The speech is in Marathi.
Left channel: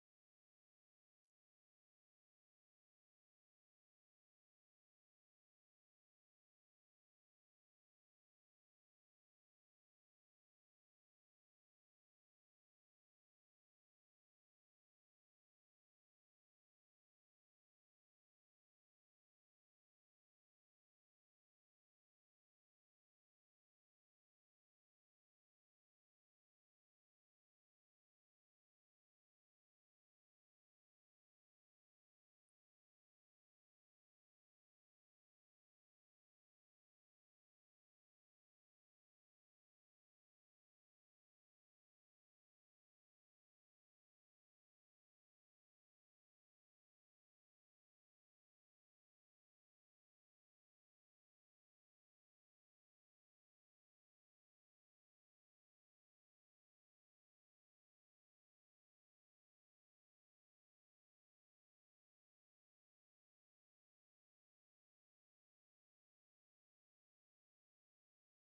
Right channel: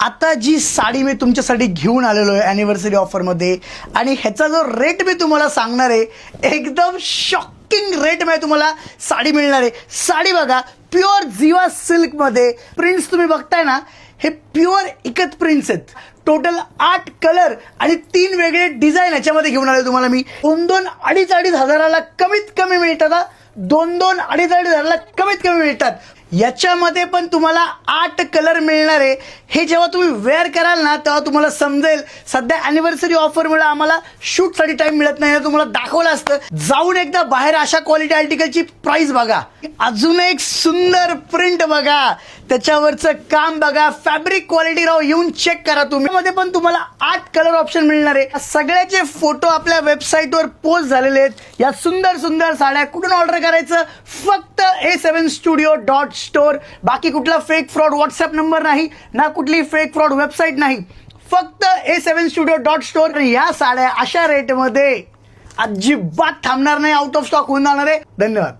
आता जी साडी मी तुमच्यासाठी घेऊन आलेलो आहे ॲनिव्हर्सरी ऑफरमध्ये, आणि ह्याचा जो रेट मी तुम्हाला सांगणार आहे, एकदम शॉकिंग रेट मध्ये तुम्हाला साडी मिळणार आहे. साडी बघा, प्युअर जीवा सिल्कमध्ये प्रिंट्स तुम्ही बघताय ना, हे प्युअर इकत प्रिंट्स आहेत. टोटल 8 कलर आणि 3 वेगळे डिझाईन याच्यामध्ये घेऊन आले तुम्हाला मी. 2-2, 2,500 हजाराला कमीत कमी मिळतात. 2-2, 2,500 हजाराला कमीत कमी मिळतात. याच्यामध्ये पण तुम्हाला 8 कलर मिळणार आहे. हे जेव्हा तुम्ही वेअर कराल ना, तेव्हा तुम्हाला समजेल. सध्या ॲनिव्हर्सरी ऑफरमुळे आम्हाला शूटसाठी टाइम मिळत नाही, तुम्हाला दाखवलं असतं. जाऊन एकदा बाहेर अशा क्वालिटी आर्टिकलची प्राइस बघा. अजून एक सुंदर प्रिंट बघा, त्याच्यावरचं काम बघा, फॅब्रिक क्वालिटी राव येऊन चेक करा तुम्ही. मध्ये पण तुम्हाला 8 कलर ऑप्शन मिळणार आहे. सगळ्याचे फोटो आपल्या वेबसाईटवर पोस्ट झालेले आहेत. या सुंदर सुंदर साड्या कुठून ऑर्डर करायचं? फक्त a7studio.store. बाकी कुठला फेक फ्रॉड व्हॉट्सअप नंबर नाही ना, कुठली फेक फ्रॉड वेबसाईट नाही. फक्त a7studio.store. या साड्या अशा रेटमध्ये अजिबात थांबणार नाही, आउट ऑफ स्टॉक होऊन जाणार आहे. धन्यवाद.